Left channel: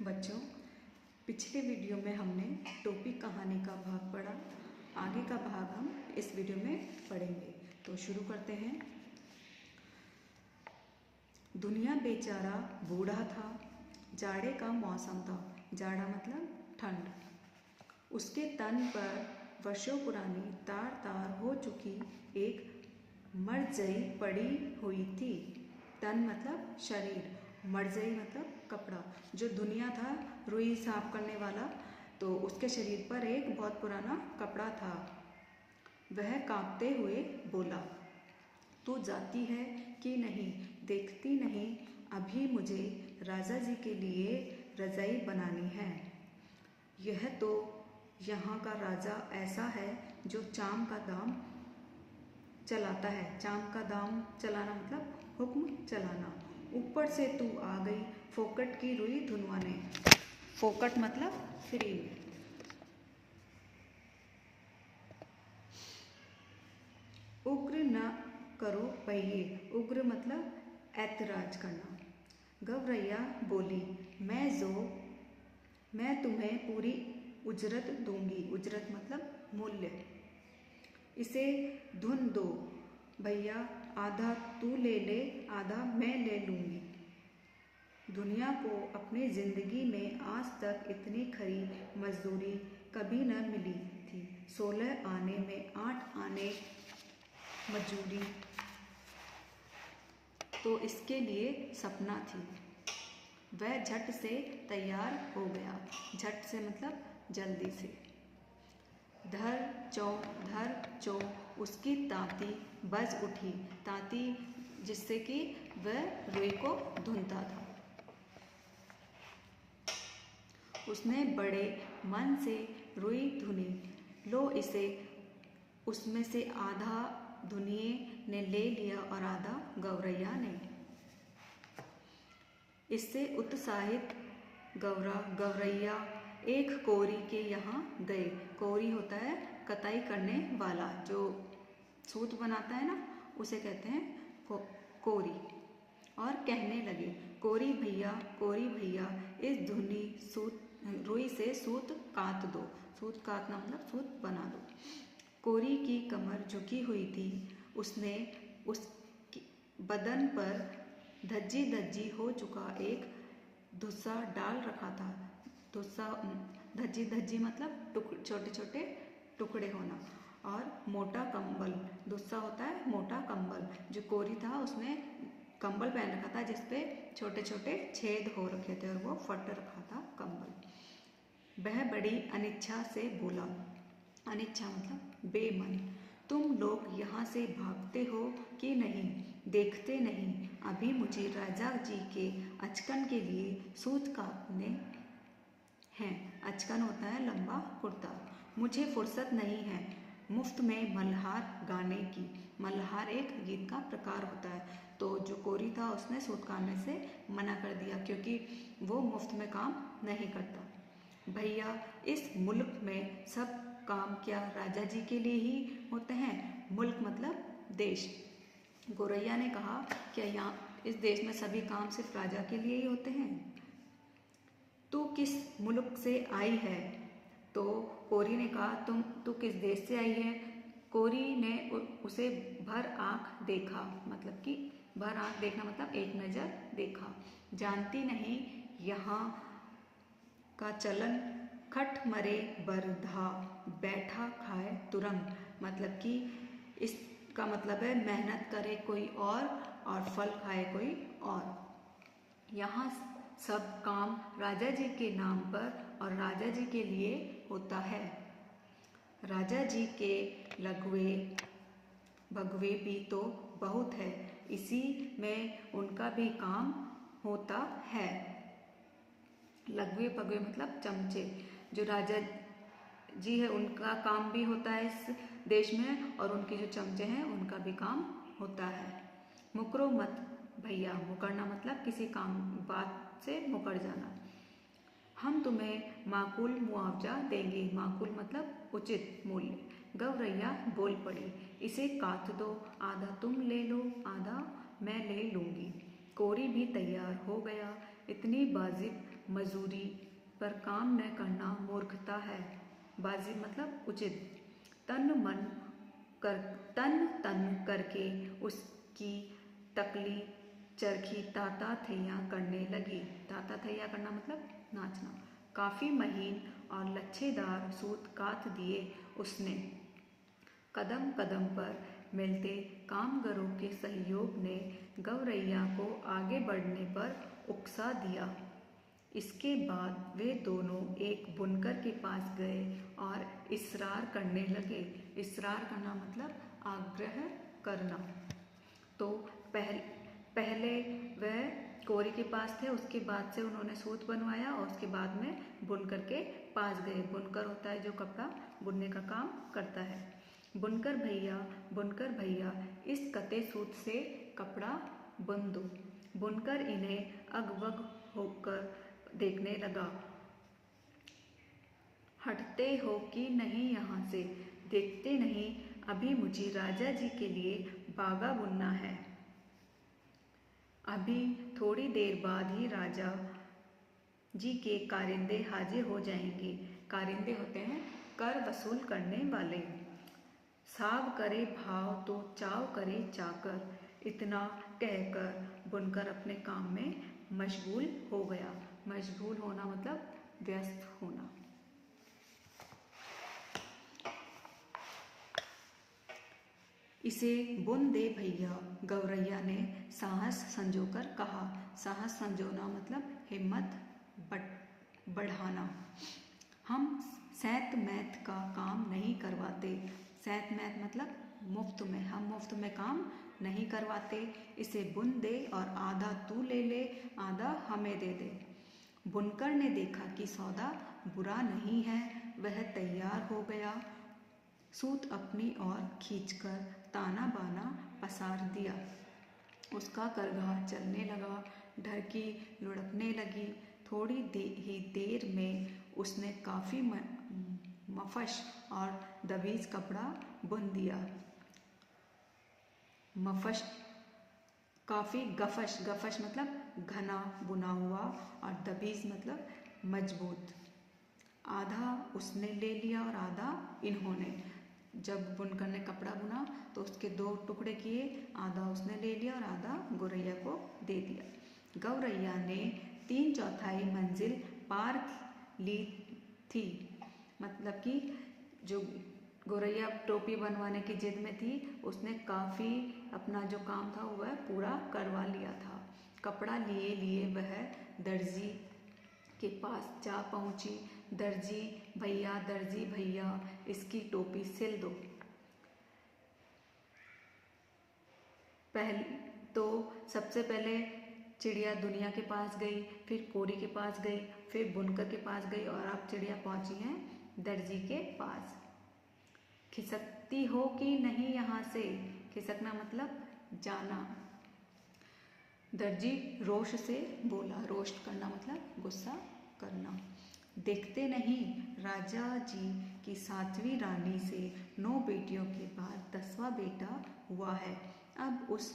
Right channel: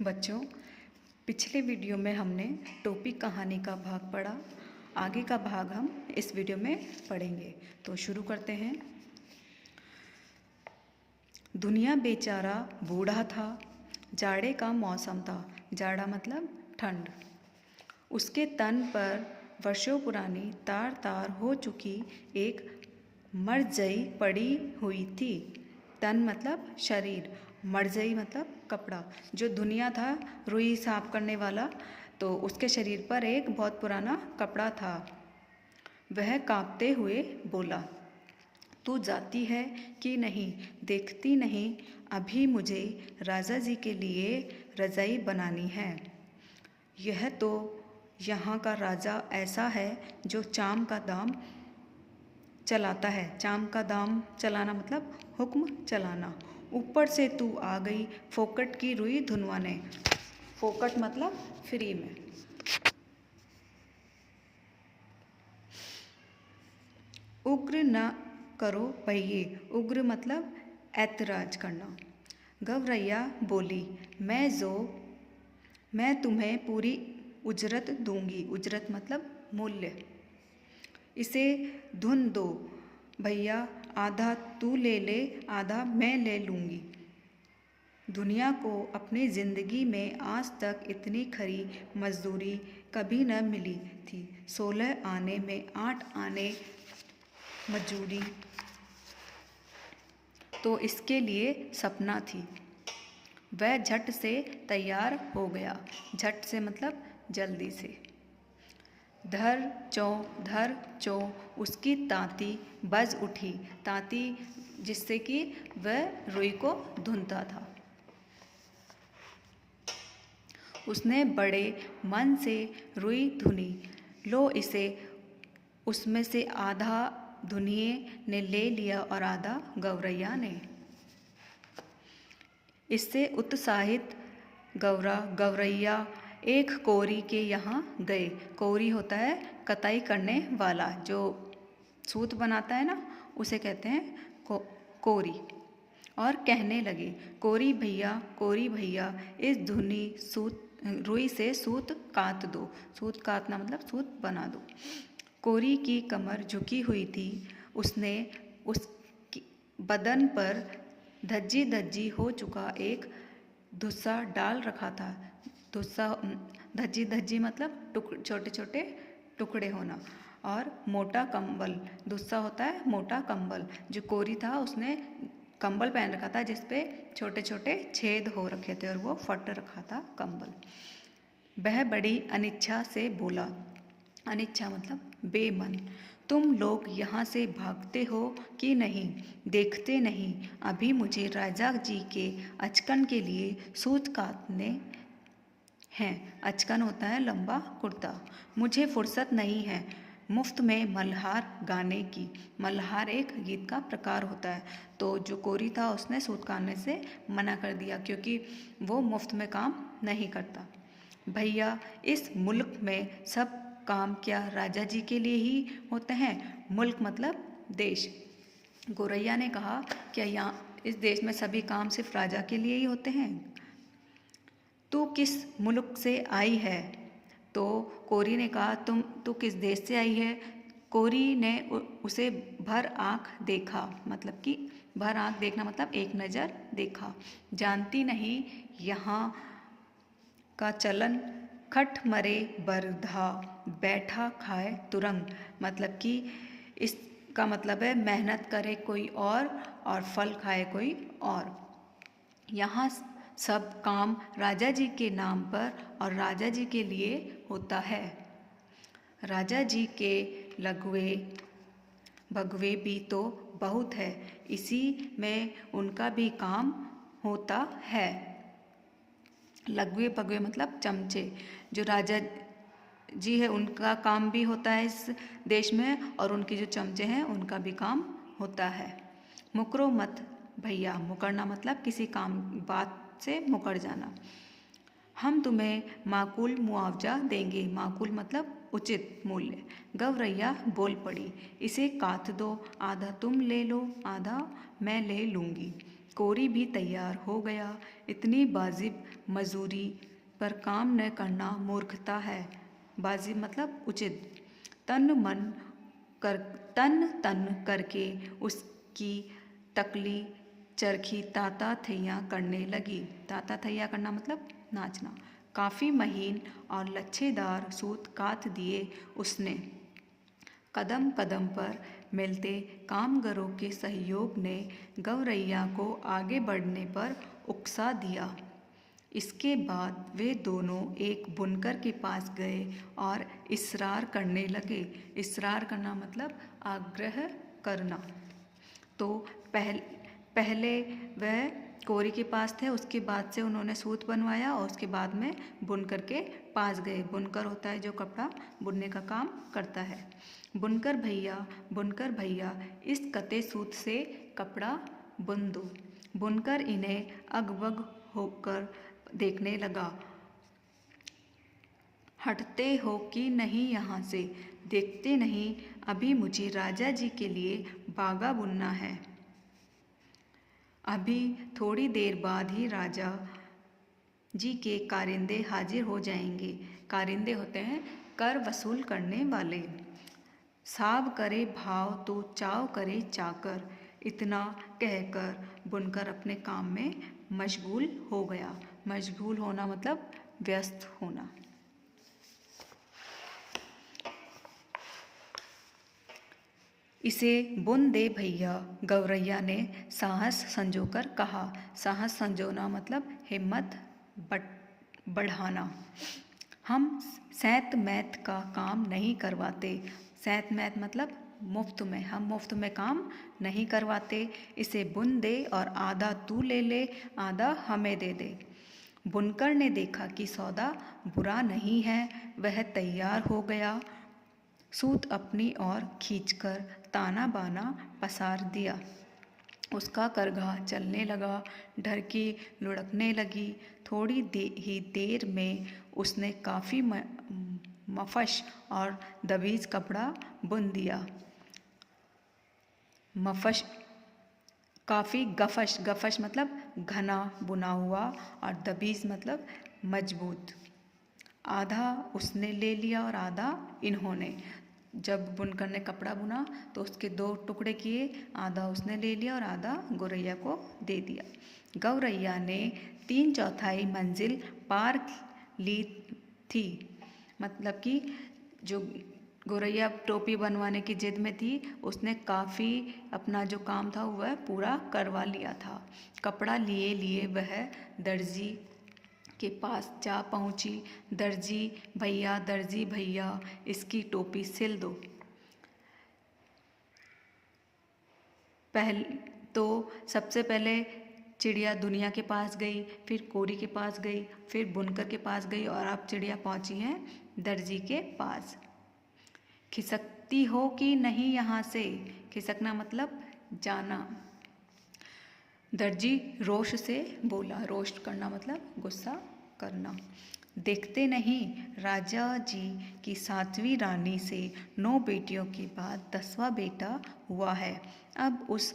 बच्चों, पिछले वीडियो में हमने टोपी कहानी का भाग पढ़ा। आगे का भाग हम इस वीडियो में पढ़ेंगे। तो शुरू करते हैं। दुनिया बेचारा बूढ़ा था। जाड़े का मौसम था। जाड़ा मतलब ठंड। उसके तन पर वर्षों पुरानी तार तार हो चुकी एक मरजई पड़ी हुई थी। तन मतलब शरीर, मरजई मतलब कपड़ा। जो दुनिया था रुई साफ करने वाला, तो उसके शरीर पर एक बहुत पुराना कपड़ा था। वह कांपते हुए बोला, तू जाती है कि नहीं? देखती नहीं? अभी मुझे राजा जी के लिए रजाई बनानी है। यह तो यहाँ का राजा ऐसा है जो चाम का दाम चलाता है। चाम का दाम चलाना मतलब हुक्म चलाना। ऊपर से तू आ गई फोकट की रुई धुनवाने। फोकट मतलब फ्री में। उग्र न करो पहिए। उग्र मतलब ऐतराज करना। गवरैया बोली, मैं तुम्हें पूरी उजरत दूंगी। उजरत मतलब मूल्य। इसे धुन दो भैया, आधा तू ले ले, आधा मैं ले लूँगी। दुनिया को अपनी ज़िंदगी में आज तक इतनी खरी मजदूरी कभी न मिली थी। 16 आने में 8 आने मजदूरी तो इसके लिए सपना थी। वह झट से तैयार हो गया। झट से मतलब जल्दी से। धर चो उसकी तांती बज उठी। तांती जिससे कि वह रुई को धुनता था। उसने बड़े मन से रुई धुनी। लो इसे। उसमें से आधा धुनिए ने ले लिया और आधा गवरैया ने। इससे उत्साहित गवरैया एक कोरी के यहाँ गए। कोरी होता है कताई करने वाला, जो सूत बनाता है ना, उसे कहते हैं कोरी। और कहने लगे, कोरी भैया इस धुनी रुई से सूत कात दो। सूत कातना मतलब सूत बना दो। कोरी की कमर झुकी हुई थी। उसने उस बदन पर धज्जी धज्जी हो चुका एक धुस्सा डाल रखा था। धुस्सा धज्जी धज्जी मतलब छोटे छोटे टुकड़े होना। और मोटा कंबल, धुस्सा होता है मोटा कंबल। जो कोरी था उसने कंबल पहन रखा था जिसपे छोटे छोटे छेद हो रखे थे और वो फट रखा था कंबल। वह बड़ी अनिच्छा से बोला। अनिच्छा मतलब बेमन। तुम लोग यहाँ से भागते हो कि नहीं? देखते नहीं अभी मुझे राजा जी के अचकन के लिए सूत काटने हैं। अचकन होता है लंबा कुर्ता। मुझे फुर्सत नहीं है मुफ्त में मल्हार गाने की। मल्हार एक गीत का प्रकार होता है। तो जो कोरी था उसने सूत काटने से मना कर दिया क्योंकि वो मुफ्त में काम नहीं करता। भैया, इस मुल्क में सब काम क्या राजा जी के लिए ही होते हैं? मुल्क मतलब देश। गौरैया ने कहा, क्या यहाँ इस देश में सभी काम सिर्फ राजा के लिए ही होते हैं? तू किस मुल्क से आई है? तो कोरी ने कहा, तू किस देश से आई है? कोरी ने उसे भर आँख देखा। मतलब कि भर आँख देखना मतलब एक नज़र देखा। जानती नहीं यहाँ का चलन खट मरे बरधा बैठा खाए तुरंग। मतलब कि इसका मतलब है मेहनत करे कोई और फल खाए कोई और। यहाँ सब काम राजा जी के नाम पर और राजा जी के लिए होता है। राजा जी के लगवे भगवे भी तो बहुत है। इसी में उनका भी काम होता है। लगवे पगवे मतलब चमचे। जो राजा जी है उनका काम भी होता है इस देश में, और उनके जो चमचे हैं उनका भी काम होता है। मुकरो मत भैया। मुकरना मतलब किसी काम बात से मुकर जाना। हम तुम्हें माकूल मुआवजा देंगे। माकूल मतलब उचित मूल्य। गवरैया बोल पड़ी, इसे काट दो। आधा तुम ले लो, आधा मैं ले लूँगी। कोरी भी तैयार हो गया। इतनी वाजिब मजूरी पर काम न करना मूर्खता है। वाजिब मतलब उचित। तन तन करके उसकी तकली चरखी ताता थैया करने लगी। ताता थैया करना मतलब नाचना। काफ़ी महीन और लच्छेदार सूत कात दिए उसने। कदम कदम पर मिलते कामगारों के सहयोग ने गौरैया को आगे बढ़ने पर उकसा दिया। इसके बाद वे दोनों एक बुनकर के पास गए और इसरार करने लगे। इसरार करना मतलब आग्रह करना। तो पहले वह कोरी के पास थे, उसके बाद से उन्होंने सूत बनवाया और उसके बाद में बुनकर के पास गए। बुनकर होता है जो कपड़ा बुनने का काम करता है। बुनकर भैया इस कते सूत से कपड़ा बुन दो। बुनकर इन्हें अगवग होकर देखने लगा। हटते हो कि नहीं यहाँ से? देखते नहीं, अभी मुझे राजा जी के लिए बागा बुनना है। अभी थोड़ी देर बाद ही राजा जी के कारिंदे हाजिर हो जाएंगे। कारिंदे होते हैं कर वसूल करने वाले। साव करे भाव तो चाव करे चाकर। इतना कहकर बुनकर अपने काम में मशगूल हो गया। मशगूल होना मतलब व्यस्त होना। इसे बुन दे भैया, गौरैया ने साहस संजोकर कहा। साहस संजोना मतलब हिम्मत बढ़ाना। हम सैंत मैत का काम नहीं करवाते। सैंत मैत मतलब मुफ्त में। हम मुफ्त में काम नहीं करवाते। इसे बुन दे और आधा तू ले ले, आधा हमें दे दे। बुनकर ने देखा कि सौदा बुरा नहीं है। वह तैयार हो गया। सूत अपनी ओर खींचकर ताना बाना पसार दिया। उसका करघा चलने लगा। ढरकी लुढ़कने लगी। थोड़ी ही देर में उसने काफ़ी मफश और दबीज कपड़ा बुन दिया। मफश काफ़ी गफश मतलब घना बुना हुआ और दबीज मतलब मजबूत। आधा उसने ले लिया और आधा इन्होंने। जब बुनकर ने कपड़ा बुना तो उसके 2 टुकड़े किए। आधा उसने ले लिया और आधा गौरैया को दे दिया। गौरैया ने 3/4 मंजिल पार ली थी। मतलब कि जो गौरैया टोपी बनवाने की जिद में थी, उसने काफ़ी अपना जो काम था वह पूरा करवा लिया था। कपड़ा लिए लिए वह दर्जी के पास जा पहुंची। दर्जी भैया इसकी टोपी सिल दो। सबसे पहले चिड़िया दुनिया के पास गई, फिर कोरी के पास गई, फिर बुनकर के पास गई और अब चिड़िया पहुंची है दर्जी के पास। खिसकती हो कि नहीं यहाँ से? खिसकना मतलब जाना। दर्जी रोष से बोला। रोष करना मतलब गुस्सा करना। देखते नहीं, राजा जी की 7वीं रानी से 9 बेटियों के बाद 10वां बेटा हुआ है। अब उस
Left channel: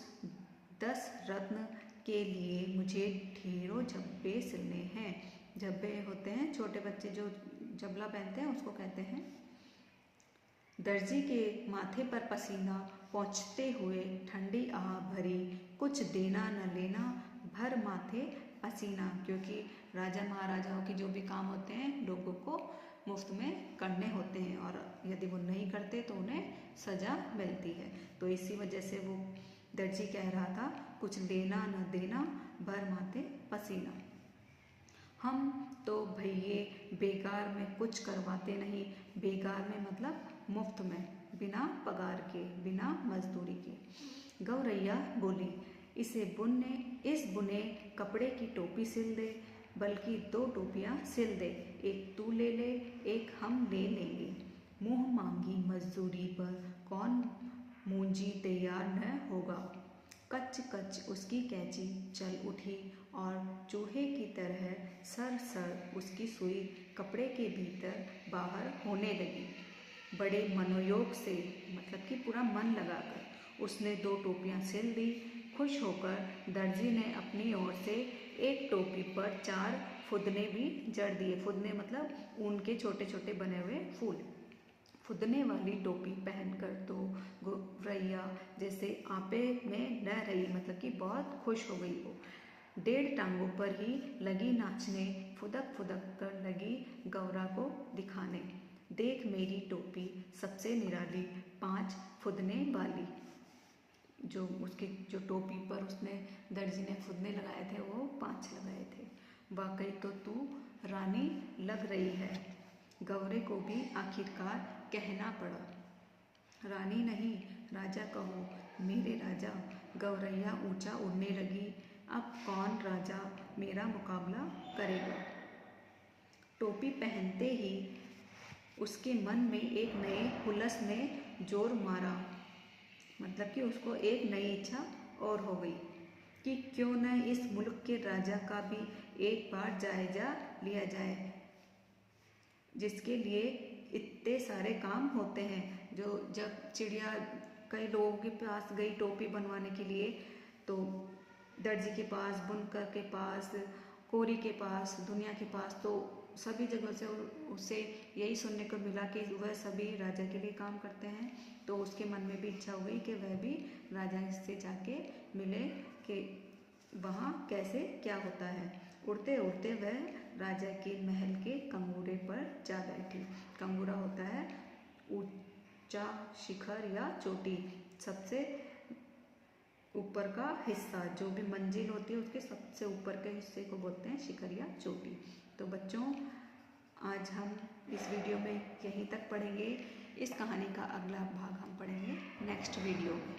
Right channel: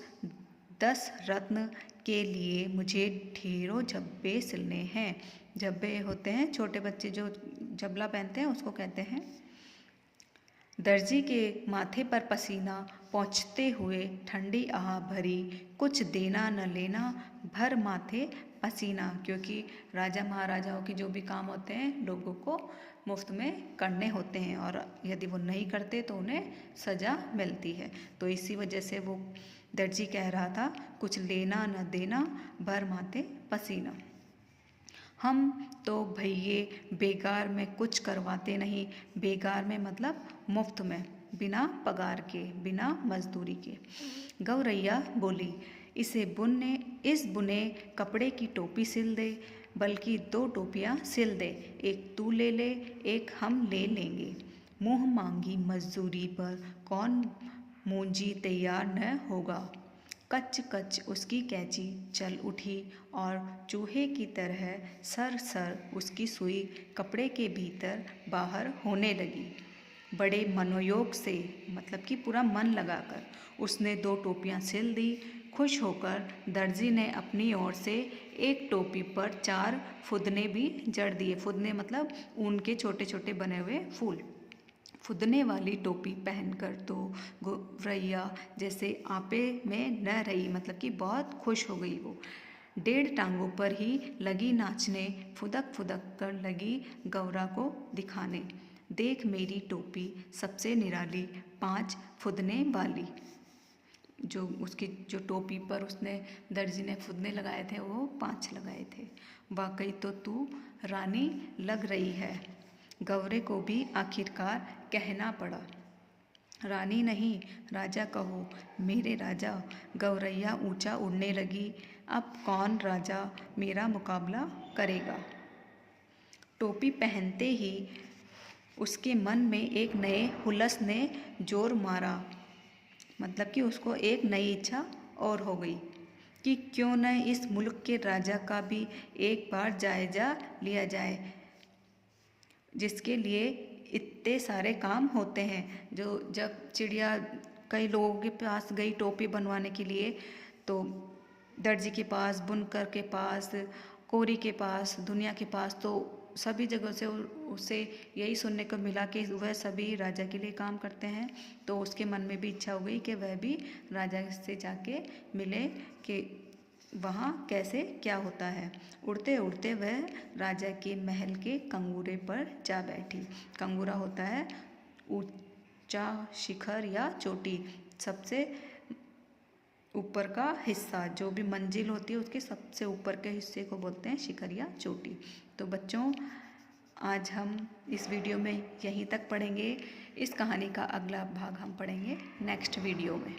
10 रत्न के लिए मुझे ढेरों झब्बे सिलने हैं। झब्बे होते हैं छोटे बच्चे जो झबला पहनते हैं, उसको कहते हैं। दर्जी के माथे पर पसीना पहुँचते हुए ठंडी आह भरी। कुछ देना न लेना, भर माथे पसीना। क्योंकि राजा महाराजाओं के जो भी काम होते हैं लोगों को मुफ्त में करने होते हैं और यदि वो नहीं करते तो उन्हें सज़ा मिलती है। तो इसी वजह से वो दर्जी कह रहा था, कुछ लेना न देना, भर माथे पसीना। हम तो भैये बेकार में कुछ करवाते नहीं। बेकार में मतलब मुफ्त में, बिना पगार के, बिना मजदूरी के। गौरैया बोली, इस बुने कपड़े की टोपी सिल दे, बल्कि 2 टोपियाँ सिल दे। एक तू ले ले, एक हम ले लेंगे। मुँह मांगी मजदूरी पर कौन मूंजी तैयार न होगा। कच कच उसकी कैंची चल उठी और चूहे की तरह सर उसकी सुई कपड़े के भीतर बाहर होने लगी। बड़े मनोयोग से, मतलब कि पूरा मन लगाकर उसने 2 टोपियाँ सिल दी। खुश होकर दर्जी ने अपनी ओर से एक टोपी पर 4 फुदने भी जड़ दिए। फुदने मतलब ऊन के छोटे छोटे बने हुए फूल। फुदने वाली टोपी पहनकर तो गौरैया जैसे आपे में न रही, मतलब कि बहुत खुश हो गई वो। 1.5 टांगों पर ही लगी नाचने, फुदक फुदक कर लगी गौरा को दिखाने। देख मेरी टोपी सबसे निराली, 5 फुदने वाली। जो उसकी जो टोपी पर उसने दर्जी ने फुदने लगाए थे वो 5 लगाए थे। वाकई तो तू रानी लग रही है, गौरे को भी आखिरकार कहना पड़ा। रानी नहीं राजा कहो, मेरे राजा। गौरैया ऊंचा उड़ने लगी। अब कौन राजा मेरा मुकाबला करेगा। टोपी पहनते ही उसके मन में एक नए हुलस ने जोर मारा, मतलब कि उसको एक नई इच्छा और हो गई कि क्यों न इस मुल्क के राजा का भी एक बार जायजा लिया जाए, जिसके लिए इतने सारे काम होते हैं। जो जब चिड़िया कई लोगों के पास गई टोपी बनवाने के लिए, तो दर्जी के पास, बुनकर के पास, कोरी के पास, दुनिया के पास, तो सभी जगह से उसे यही सुनने को मिला कि वह सभी राजा के लिए काम करते हैं। तो उसके मन में भी इच्छा हो गई कि वह भी राजा से जाके मिले कि वहाँ कैसे क्या होता है। उड़ते उड़ते वह राजा के महल के कंगूरे पर जा बैठी। कंगूरा होता है ऊंचा शिखर या चोटी, सबसे ऊपर का हिस्सा, जो भी मंजिल होती है उसके सबसे ऊपर के हिस्से को बोलते हैं शिखर या चोटी। तो बच्चों, आज हम इस वीडियो में यहीं तक पढ़ेंगे। इस कहानी का अगला भाग हम पढ़ेंगे नेक्स्ट वीडियो में।